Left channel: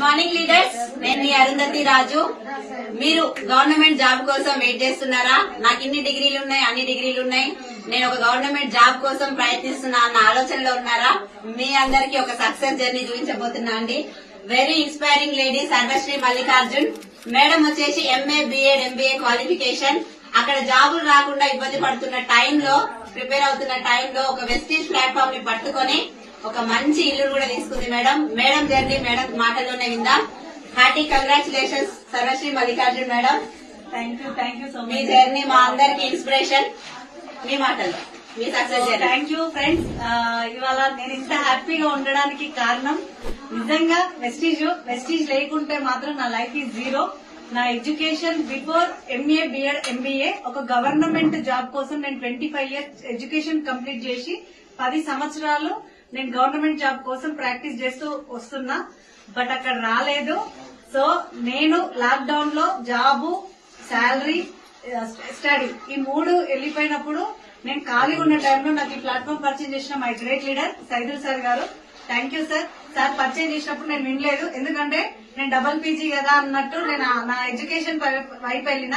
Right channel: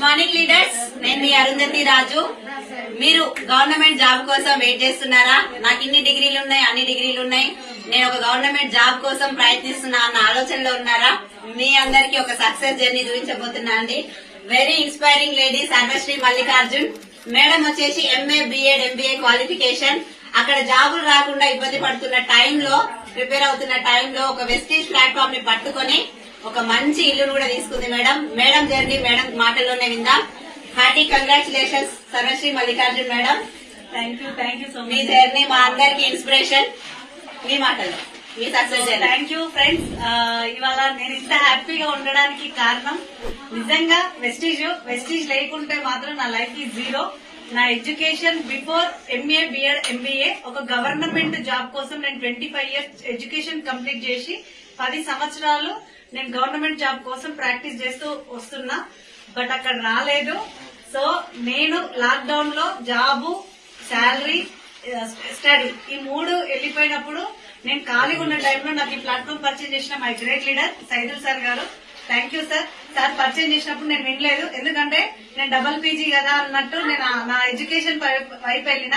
Good morning leaders, నేను మీ అరుంధతి రాజు. మీరు government job కోసం వెయిట్ చేస్తున్నారా? నాకు ఇన్ని డిగ్రీలు ఉన్నాయి, అన్ని డిగ్రీలు ఉన్నాయి, నేను ఒక గవర్నమెంట్ జాబ్ కోసం ప్రయత్నిస్తున్నా అన్న ఆలోచనలో ఉన్నారా? మీ అందరికి ఒక సక్సెస్ జర్నీ చూపించబోతున్నా అండి. Very inspiring lady Sarvashri Mallikarjun madam వచ్చేసి ఎంఏ బిఎడ్ ఎంబీఏ క్వాలిఫికేషన్. అక్కడ జాబులు రాకుండా ఇబ్బంది పడుతున్న టైంలో, ప్రిపేర్ అవుతున్న టైంలో ఒక వెస్టీజ్ ప్లాట్ఫామ్ ని పట్టుకొని ఒక మంచి ఇల్లును కూడా తీసుకుంది మేడం. మేడం జర్నీ మేడం మాటల్లోనే విందాం. Hearty congratulations Sarvasri Mallikarjun madam. Thank you so మీ మచ్. జర్నీ మా అందరికి ఇన్స్పిరేషన్. మీ మాటల్లో మీ success journey. Thank you friends. ఇవాళ నేను ఇంత హ్యాపీగా ఉండడానికి కారణం నిజంగా వెస్టీజ్ లేకుంటే మాత్రం నా లైఫ్ ఈ జీరో. నా education before MA BEd MBA ఒక గవర్నమెంట్ జాబ్ కోసం నేను 25 years ఎడ్యుకేషన్ కంప్లీట్ చేసి 10 సంవత్సరాలు నేను గవర్నమెంట్ జాబ్ కోసం ప్రాక్టీస్ చేస్తూ వస్తున్నా. బట్ అక్కడ రాలేదు. సో నేను లాక్డౌన్ లో జాబు, శాలరీ, స్టడీ ఈ 3 వెళ్లిపోయినప్పుడు నేను ఖాళీగా ఉన్న టైంలో నాకు ఈ ప్లాట్ఫామ్ పరిచయం చేసిన my great leader Saidul sir garu. Thank you sir. Sir పరిచయం చేసినప్పుడు నేను వినలేదు, ఎందుకంటే నేను డబుల్ పీజీ కదా అన్నట్టు నేను నా ఎడ్యుకేషన్ వైపు వెళ్ళిన.